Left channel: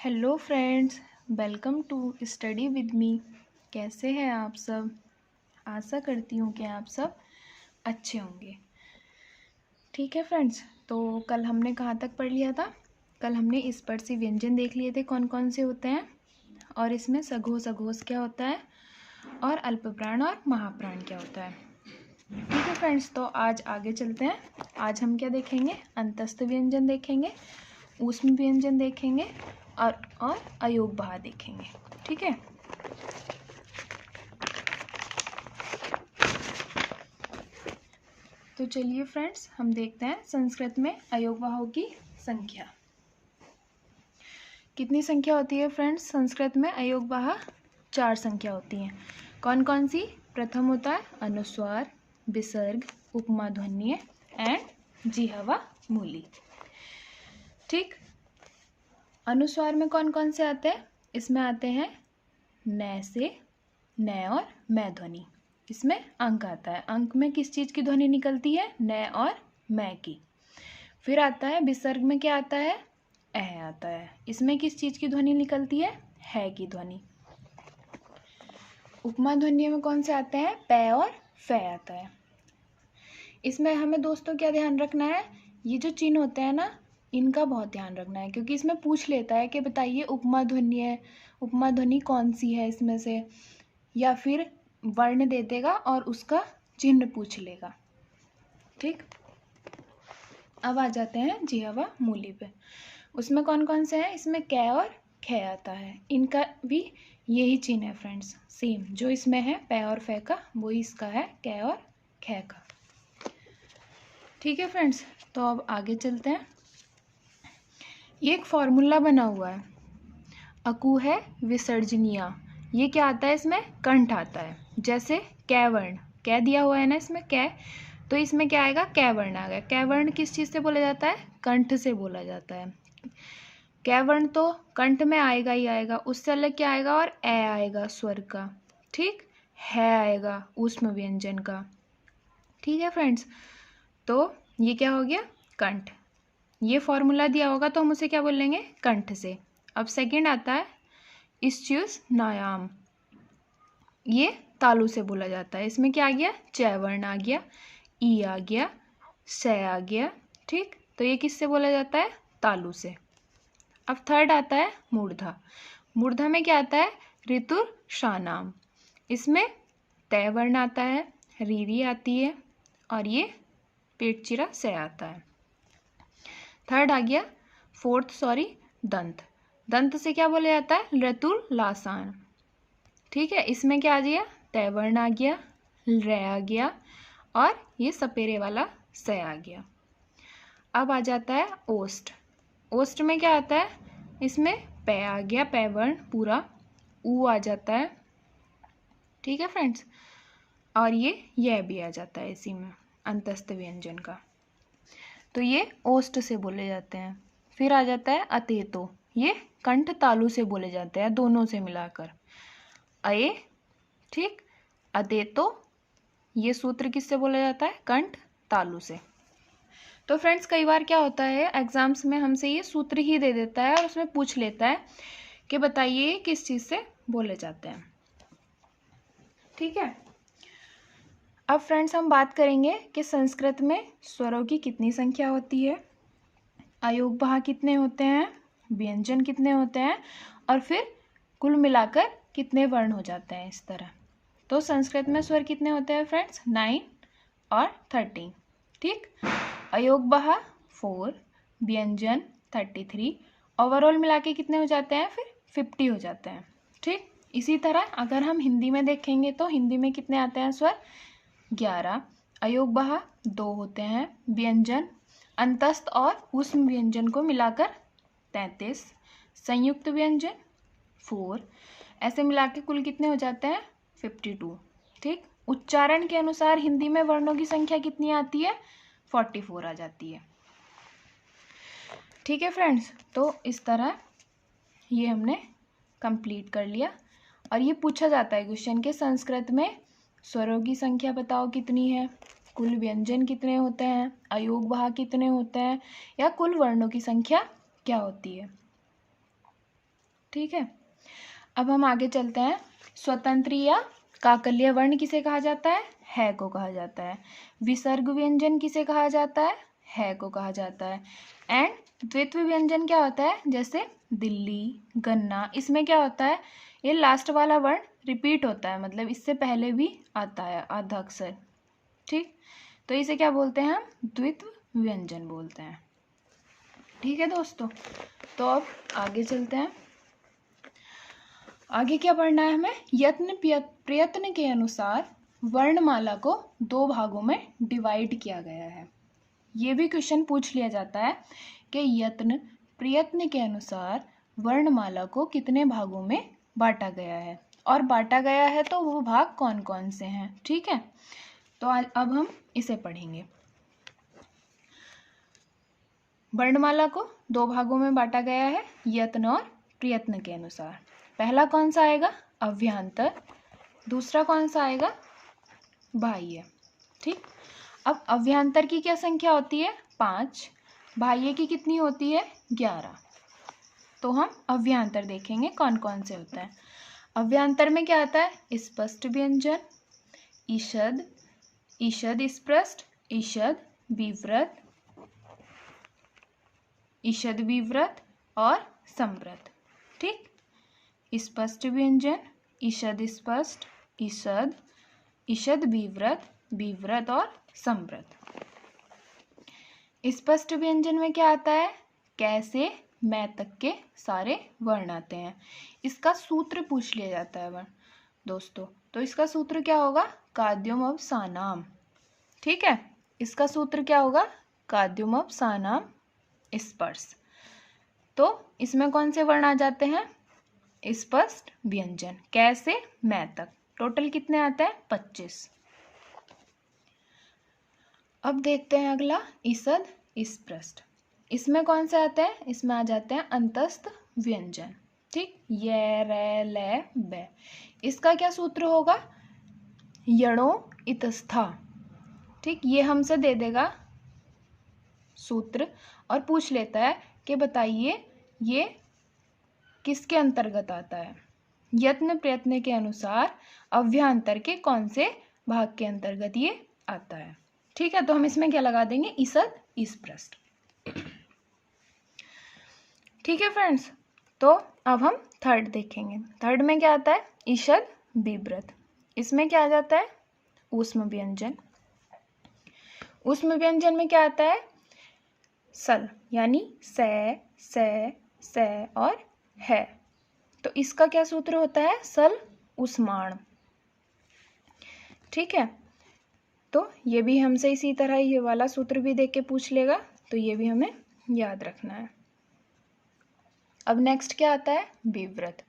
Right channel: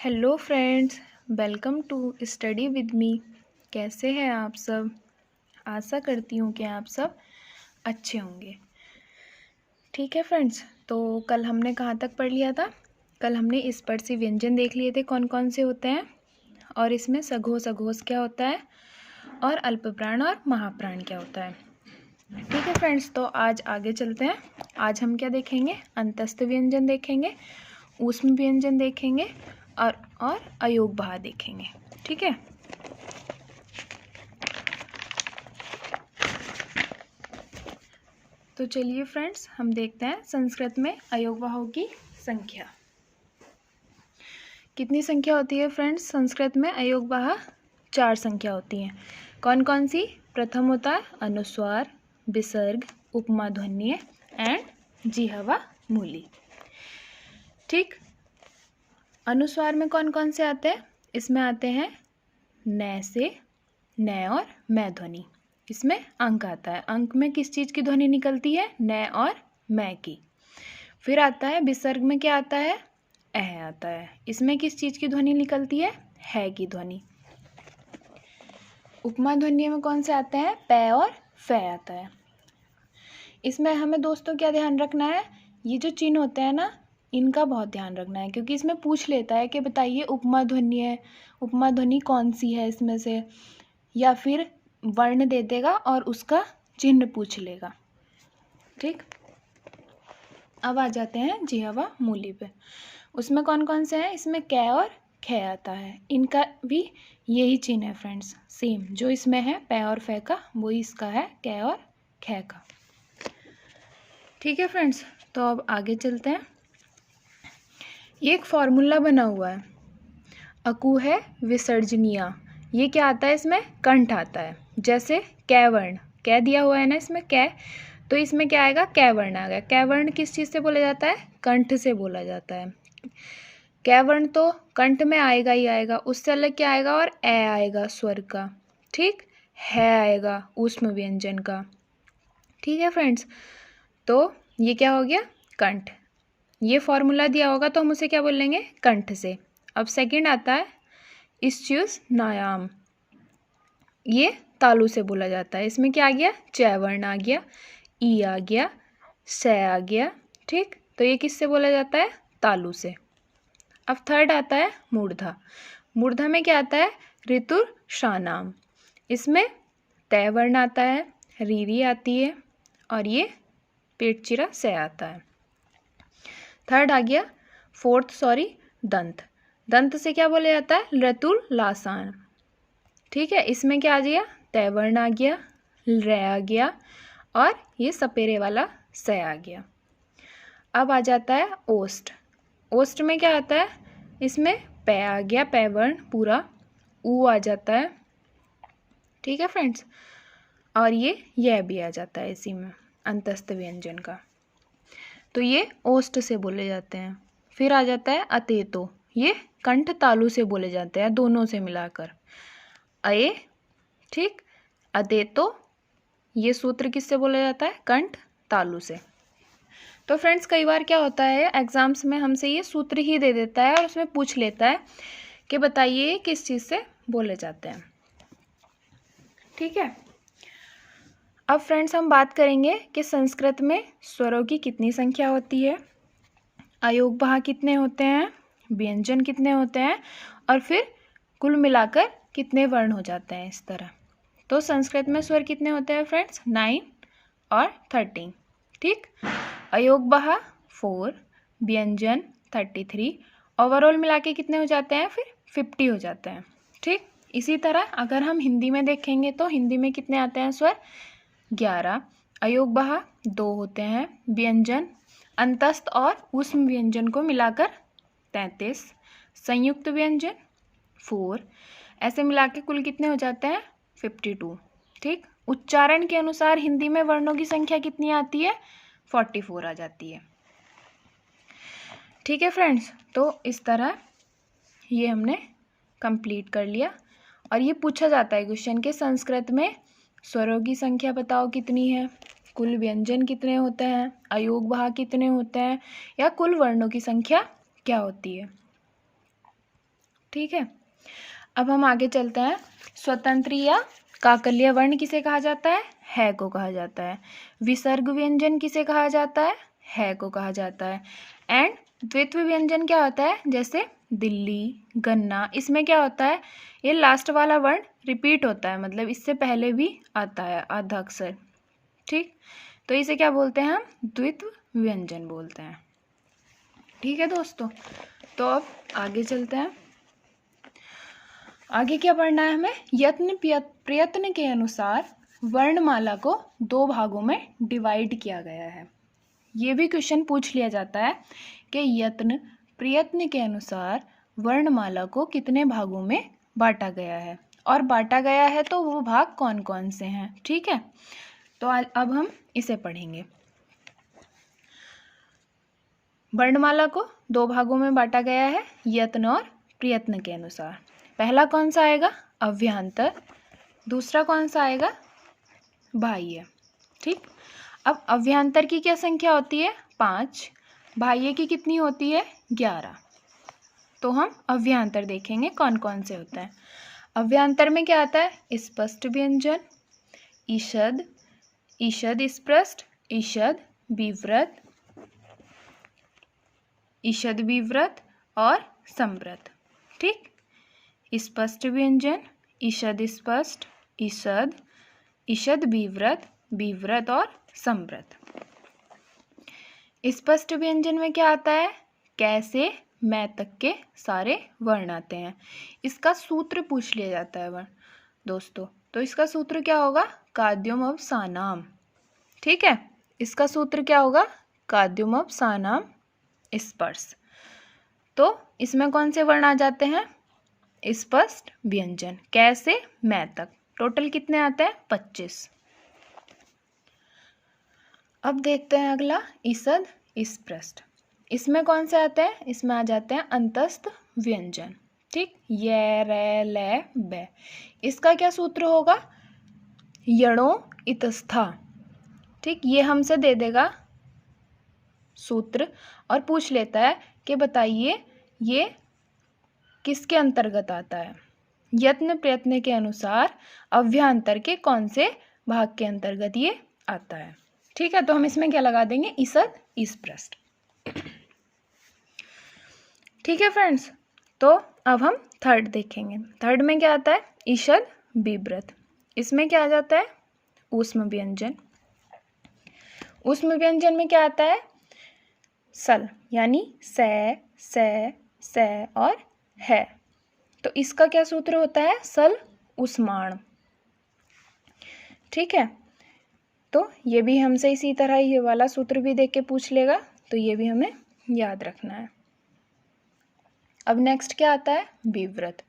Hello friends, welcome to study with me. कैसे हैं आप सब? आशा करती हूँ कि आप सब अच्छे होंगे। ठीक है फ्रेंड्स, तो कल हमने कहाँ तक पढ़ लिया था? कल हमने स्पर्शी व्यंजन देख लिए थे कौन कौन से होते हैं, और इसमें सघोष अघोष क्या होता है, और अल्पप्राण और महाप्राण क्या होता है। ठीक है फ्रेंड्स, तो आज आगे चलते हैं। आज हम क्या देखेंगे? अंतस्थ व्यंजन देखेंगे, ऊष्म व्यंजन देखेंगे और अयोग बहा देखेंगे। ठीक है, तो चलिए फ्रेंड्स, हम देखते हैं संस्कृत में अयोग बहाओं की संख्या। कितनी संख्या होती है फ्रेंड्स संस्कृत में? अयोग बहा 4 संख्या होती हैं। कौन कौन सी? प्रथम होता है अनुस्वार, विसर्ग, उपमा ध्वन्य एंड जिह्वा मूली। ठीक, अनुस्वार में कौन कौन से आते हैं? इसमें आते हैं न से, न और मैं ध्वनि। इसमें अंक आता है। अंक में किस चीज़ की ध्वनि निकलती है? न और मैं की। फिर आता है विसर्ग में क्या आता है? अह आता है। इसमें किस चीज़ की ध्वनि निकलती है की ध्वनि। उपमा ध्वनि में कौन से आते हैं? प और फ आता है। इसमें हमें दोस्तों क्या ध्यान रखना है? ये जो चिन्ह होते हैं ना, इनका बहुत ध्यान रखना है, क्योंकि इसमें पूछ लेता है कि बताइए उपमा ध्वनि है, उपमा ध्वनि कौन सी है इसमें से, या फिर वर्ण दे देगा और उसका चिन्ह पूछ लेगा। ठीक, अब आ जाते हैं जिह्वा मूली पे। उसमें कौन कौन से हैं? इसमें कै और ख आता है। इनका भी यही चिन्ह है फ्रेंड्स, सेम जो इसमें है पै और फै का, वही इसका है कै और ख का। ठीक है फ्रेंड्स, तो अब आगे चलते हैं। ये एक फॉर्मूला बना हुआ है, अकु है विसर्जनीय। ये क्या आता है? इसमें कंठ आता है। जैसे कै वर्ण, कै दिया हुआ है ना इसमें कै, तो इसमें क्या आएगा? कै वर्ण आ गया। कै वर्ण किस चीज़ से बोला जाता है? कंठ से बोला जाता है। कै वर्ण तो कंठ में आएगा ही आएगा, उससे अलग क्या आएगा? और ए आएगा स्वर का। ठीक, है आएगा ऊष्म व्यंजन का। ठीक है फ्रेंड्स, तो ये क्या हो गया? कंठ। ये फॉर्मूला दिया होगा तो हम उसे क्या बोलेंगे? कंठ से। अब सेकंड आता है इश्च्युस नायाम। ये तालु से बोला जाता है। इसमें क्या आ गया? च वर्ण आ गया, ई आ गया, स आ गया। ठीक, तो ये किससे बोला जाता है? तालु से। अब थर्ड आता है मूर्धा। मूर्धा में क्या आता है? ऋतुर शानाम। इसमें तय वर्ण आता है, रीरी आती है, और ये पेट चिरा से आता है। थर्ड आ गया दंत। दंत से क्या बोला जाता है? ऋतुल लासान। ठीक है, इसमें क्या आ गया? तय वर्ण आ गया, र आ गया, और ये सपेरे वाला से आ गया। अब आ जाता है ओष्ठ। ओष्ठ में क्या आता है? इसमें पै आ गया, पै वर्ण पूरा, ऊ आ जाता है। ठीक है फ्रेंड्स, और ये यह भी आ जाता है इसी में, अंतस्थ व्यंजन का। तो ये ओष्ठ से बोले जाते हैं। फिर आ जाता है अतेतो। ये कंठ तालु से बोले जाते हैं, दोनों से मिलाकर अये। ठीक, अदेतो, ये सूत्र किससे बोला जाता है? कंठ तालु से। तो फ्रेंड्स, कई बार क्या होता है एग्जाम्स में हमसे ये सूत्र ही दे देता है और उसमें पूछ लेता है कि बताइए किस चीज़ से बोले जाते हैं। ठीक है, अब फ्रेंड्स हम बात करेंगे कि संस्कृत में स्वरों की कितनी संख्या होती है, अयोग बहा कितने होते हैं, व्यंजन कितने होते हैं, और फिर कुल मिलाकर कितने वर्ण हो जाते हैं इस तरह। तो संस्कृत में स्वर कितने होते हैं फ्रेंड्स? 9 और 13। ठीक, अयोग बहा 4, व्यंजन 33, ओवरऑल मिला के कितने हो जाते हैं? फिर 50 हो जाते हैं। ठीक, इसी तरह अगर हम हिंदी में देखेंगे तो हिंदी में कितने आते हैं स्वर? 11, अयोग बहा 2 होते हैं, व्यंजन अंतस्थ और ऊष्म व्यंजन को मिलाकर 33, संयुक्त व्यंजन 4, ऐसे मिला के कुल कितने हो जाते हैं? 52। ठीक, उच्चारण के अनुसार हिंदी में वर्णों की संख्या कितनी आती है? 44 आ जाती है। ठीक है फ्रेंड्स, तो इस तरह ये हमने कंप्लीट कर लिया। और ये पूछा जाता है क्वेश्चन के संस्कृत में स्वरों की संख्या बताओ कितनी है, कुल व्यंजन कितने होते हैं, अयोग बहा कितने होते हैं, या कुल वर्णों की संख्या क्या होती है। ठीक है, अब हम आगे चलते हैं। स्वतंत्र या काकल्य वर्ण किसे कहा जाता है को कहा जाता है। विसर्ग व्यंजन किसे कहा जाता है को कहा जाता है। एंड द्वित्व व्यंजन क्या होता है, जैसे दिल्ली, गन्ना, इसमें क्या होता है, ये लास्ट वाला वर्ण रिपीट होता है, मतलब इससे पहले भी आता है आधा अक्षर। ठीक, तो इसे क्या बोलते हैं हम, द्वित्व व्यंजन बोलते हैं। ठीक है दोस्तों, तो अब आगे चलते हैं। आगे क्या पढ़ना है हमें, यत्न प्रयत्न के अनुसार वर्णमाला को 2 भागों में डिवाइड किया गया है। ये भी क्वेश्चन पूछ लिया जाता है कि यत्न प्रयत्न के अनुसार वर्णमाला को कितने भागों में बांटा गया है, और बांटा गया है तो वो भाग कौन कौन से हैं। ठीक है, तो अब हम इसे पढ़ेंगे। वर्णमाला को 2 भागों में बांटा गया है यत्न और प्रयत्न के अनुसार। पहला कौन सा आएगा, अव्यांतर, दूसरा कौन सा आएगा, बाह्य। ठीक, अब अव्यांतर की क्या संख्या होती है, 5, बाह्य की कितनी होती है, 11। तो हम अव्यांतर देखेंगे कौन कौन से होते हैं। अव्यांतर में क्या आता है, स्पष्ट व्यंजन, ईषद, ईषद स्पष्ट, ईषद विव्रत, ईषद विव्रत और संव्रत। ठीक, स्पष्ट व्यंजन, ईषद स्पष्ट, ईषद, ईषद विव्रत, विव्रत और संव्रत। स्पष्ट व्यंजन में क्या आता है, कैसे मैं तक के सारे वर्ण आते हैं। इसका सूत्र पूछ लिया जाता है वर्ण दोस्तों, तो इसका सूत्र क्या होगा, काद्युम अवसानाम। ठीक है, इसका सूत्र क्या होगा, काद्युम अवसानाम स्पर्श। तो इसमें कौन से वर्ण आ जाते हैं, स्पष्ट व्यंजन, कैसे मैं तक। टोटल कितने आते हैं, 25। अब देखते हैं अगला, ईषद स्पष्ट। इसमें कौन से आते हैं, इसमें आ जाते हैं अंतस्थ व्यंजन। ठीक, ये, रे, ले, बे। इसका क्या सूत्र होगा, यणो इतस्था। ठीक, ये हमसे दे देगा सूत्र और पूछ लेता है कि बताइए ये किसके अंतर्गत आता है। यत्न प्रयत्न के अनुसार अव्यांतर के कौन से भाग के अंतर्गत ये आता है। ठीक है, तो हम इसमें क्या लगा देंगे, ईषद स्पष्ट। ठीक है फ्रेंड्स, तो अब हम थर्ड देखेंगे। थर्ड में क्या आता है, ईषद विव्रत। इसमें क्या आ जाता है, ऊष्म व्यंजन। ऊष्म व्यंजन में क्या आता है, सल, यानी से और है। तो इसका क्या सूत्र होता है, सल ऊष्माण। ठीक है, तो ये भी हमसे इसी तरह ये वाला सूत्र भी देख के पूछ लेगा, तो ये भी हमें याद रखना है। अब नेक्स्ट क्या आता है, विव्रत।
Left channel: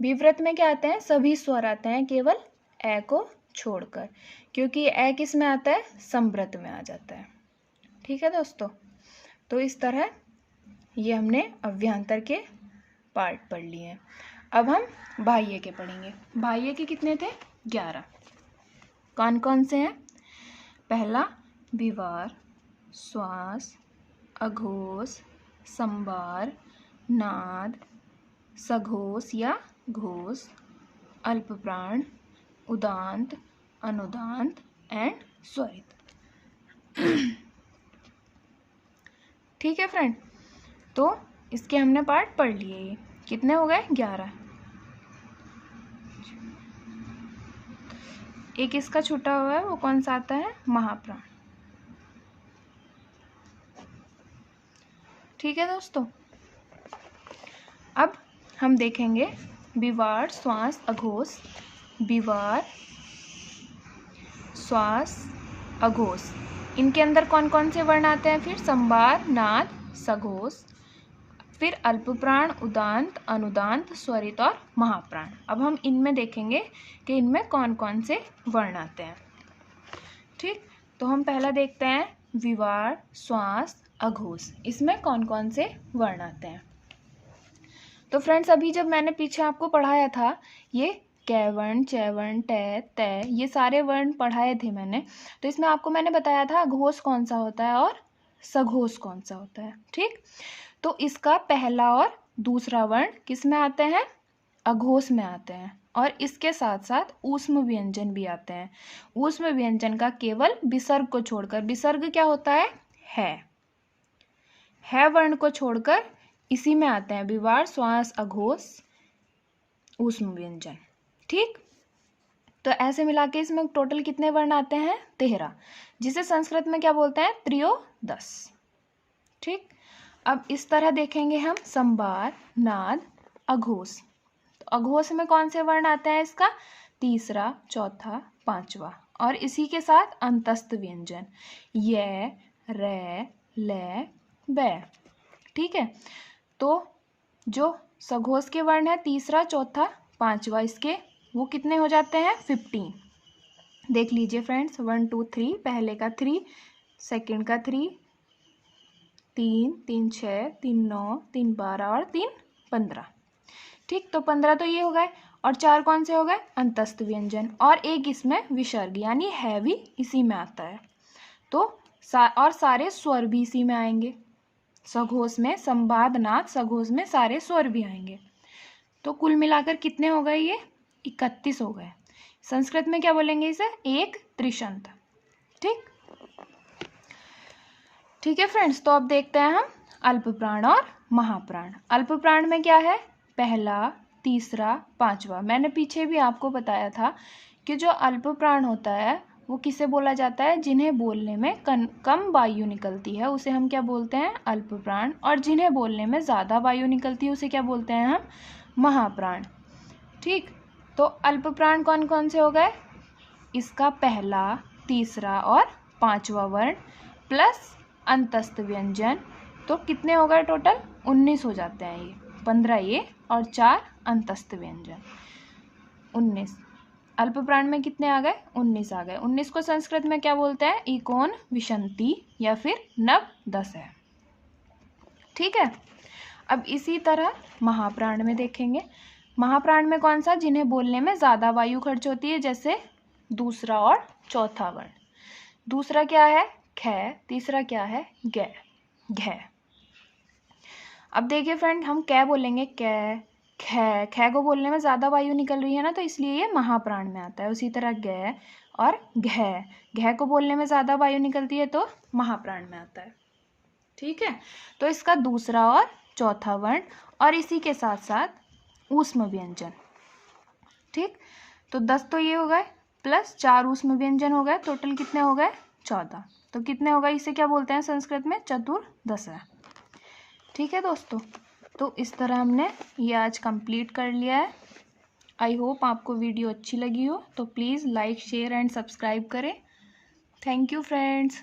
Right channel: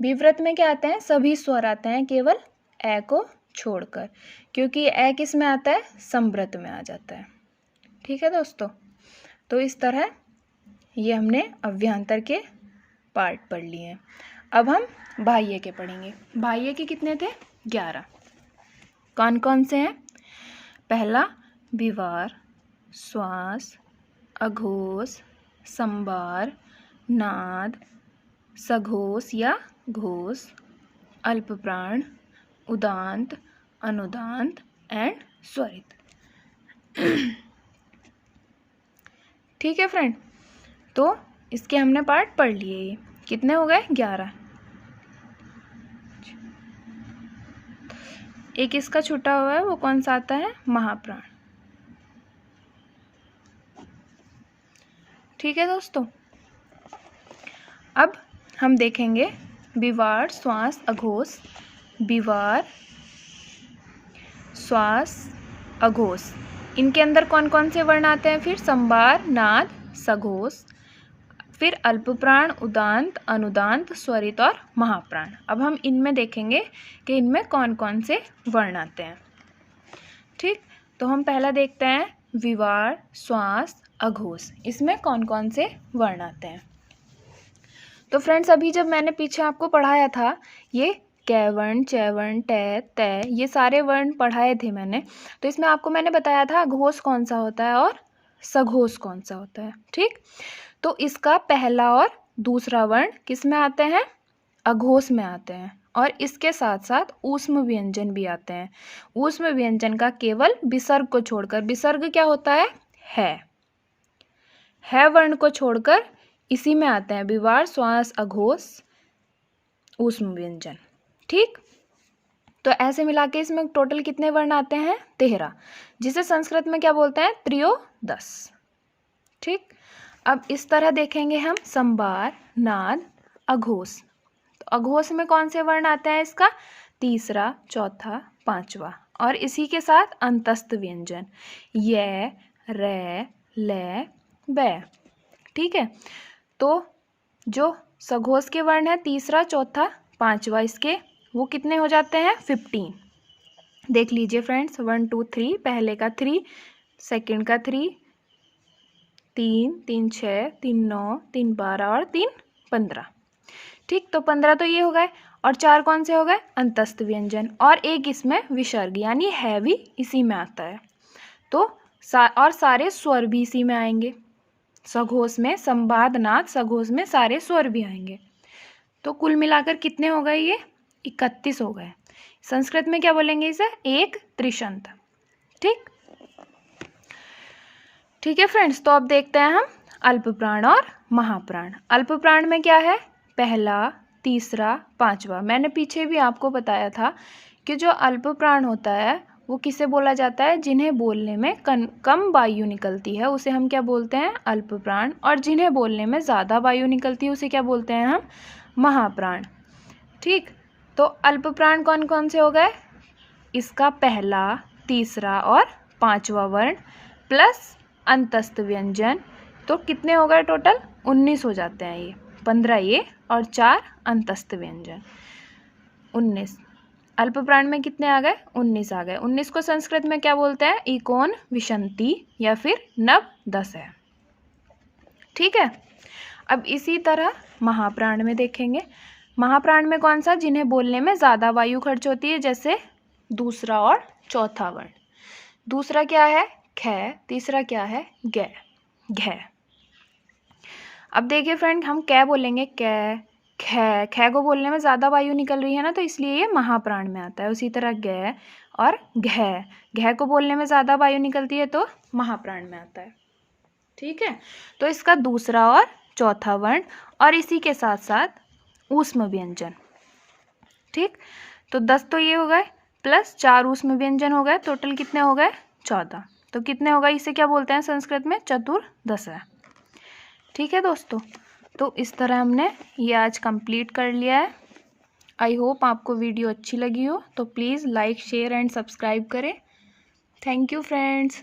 विव्रत में क्या आता है, सभी स्वर आते हैं केवल ए को छोड़कर, क्योंकि ए किस में आता है, संव्रत में आ जाता है। ठीक है दोस्तों, तो इस तरह ये हमने अव्यांतर के पार्ट पढ़ लिए हैं। अब हम बाह्य के पढ़ेंगे। बाह्य के कितने थे, 11। कौन कौन से हैं, पहला विवार, श्वास, अघोष, संवार, नाद, सघोष या घोष, अल्पप्राण, उदांत, अनुदांत एंड स्वरित। ठीक है फ्रेंड, तो इसके हमने पार्ट पढ़ लिए। ये कितने हो गए, 11। एक इसका छूटा हुआ है, वो कौन सा आता है, महाप्राण। ठीक है दोस्तों, अब हम देखेंगे विवार, श्वास, अघोष। विवार, श्वास, अघोष, इनके अंदर कौन कौन से वर्ण आते हैं, फिर संवार, नाद, सघोष, फिर अल्पप्राण, उदांत, अनुदांत, स्वरित और महाप्राण। अब हम इनमें देखेंगे कि इनमें कौन कौन से वर्ण आते हैं। ठीक, तो हम पहला देखते हैं विवार, श्वास, अघोष, इसमें कौन कौन से वर्ण आते हैं। तो फ्रेंड्स, अभी जब मैंने पीछे आपको पढ़ाया था, ये कैवर्ण, चैवर्ण, टे, तय, ये सारे वर्ण पढ़ाए थे मैंने। तो इसमें आपको मैंने बताया था अघोष कौन सा होता है और सघोष कौन सा होता है। ठीक, तो इसका पहला और दूसरा वर्ण किस में आते हैं, अघोष में आते हैं। और इसके साथ साथ ऊष्म व्यंजन भी आते हैं। ऊष्म व्यंजन का केवल विसर्ग को छोड़कर, विसर्ग क्या होता है वर्ण को छोड़कर इसी में आते हैं विवार, श्वास, अघोष, ऊष्म व्यंजन। ठीक, तो ऐसे मिला के इसमें टोटल कितने वर्ण आते हैं, 13, जिसे संस्कृत में क्या बोलते हैं, त्रयोदश। ठीक, अब इस तरह देखेंगे हम संवार, नाद, अघोष। तो अघोष में कौन से वर्ण आते हैं, इसका तीसरा, चौथा, पांचवा, और इसी के साथ अंतस्थ व्यंजन य, रे, ले, बै। ठीक है, तो जो सघोष के वर्ण है तीसरा, चौथा, पांचवा, इसके वो कितने हो जाते हैं, 15। देख लीजिए फ्रेंड्स, 1 2 3, पहले का 3, सेकंड का 3, 3 3 6, 3 9, 3 12 और 3 15। ठीक, तो 15 तो ये हो गए, और 4 कौन से हो गए, अंतस्थ व्यंजन, और एक इसमें विसर्ग यानी है भी इसी में आता है। तो और सारे स्वर भी इसी में आएंगे, सघोष में संवाद, नाद, सघोष में सारे स्वर भी आएंगे। तो कुल मिलाकर कितने हो गए, ये 31 हो गए। संस्कृत में क्या बोलेंगे इसे, एक त्रिशंत। ठीक, ठीक है फ्रेंड्स, तो अब देखते हैं हम अल्प प्राण और महाप्राण। अल्प प्राण में क्या है, पहला, तीसरा, पांचवा। मैंने पीछे भी आपको बताया था कि जो अल्प प्राण होता है वो किसे बोला जाता है, जिन्हें बोलने में कम वायु निकलती है उसे हम क्या बोलते हैं, अल्प प्राण, और जिन्हें बोलने में ज़्यादा वायु निकलती है उसे क्या बोलते हैं हम, महाप्राण। ठीक, तो अल्प प्राण कौन कौन से हो गए, इसका पहला, तीसरा और पांचवा वर्ण प्लस अंतस्थ व्यंजन, तो कितने हो गए टोटल, 19 हो जाते हैं ये, 15 ये और 4 अंतस्थ व्यंजन, 19। अल्प प्राण में कितने आ गए, 19 आ गए। 19 को संस्कृत में क्या बोलते हैं, इकोन विशंति या फिर नवदश है। ठीक है, अब इसी तरह महाप्राण में देखेंगे। महाप्राण में कौन सा, जिन्हें बोलने में ज़्यादा वायु खर्च होती है, जैसे दूसरा और चौथा वर्ण। दूसरा क्या है, ख, तीसरा क्या है, ग, घ। अब देखिए फ्रेंड, हम कै बोलेंगे, कै, ख को बोलने में ज़्यादा वायु निकल रही है ना, तो इसलिए ये महाप्राण में आता है। उसी तरह ग और घ को बोलने में ज़्यादा वायु निकलती है तो महाप्राण में आता है। ठीक है, तो इसका दूसरा और चौथा वर्ण और इसी के साथ साथ ऊष्म व्यंजन। ठीक, तो 10 तो ये हो गए, प्लस 4 ऊष्म व्यंजन हो गए, टोटल कितने हो गए, 14। तो कितने होगा, इसे क्या बोलते हैं संस्कृत में, चतुर्दश है। ठीक है दोस्तों, तो इस तरह हमने ये आज कंप्लीट कर लिया है। आई होप आपको वीडियो अच्छी लगी हो, तो please like, share and subscribe करें। Thank you friends.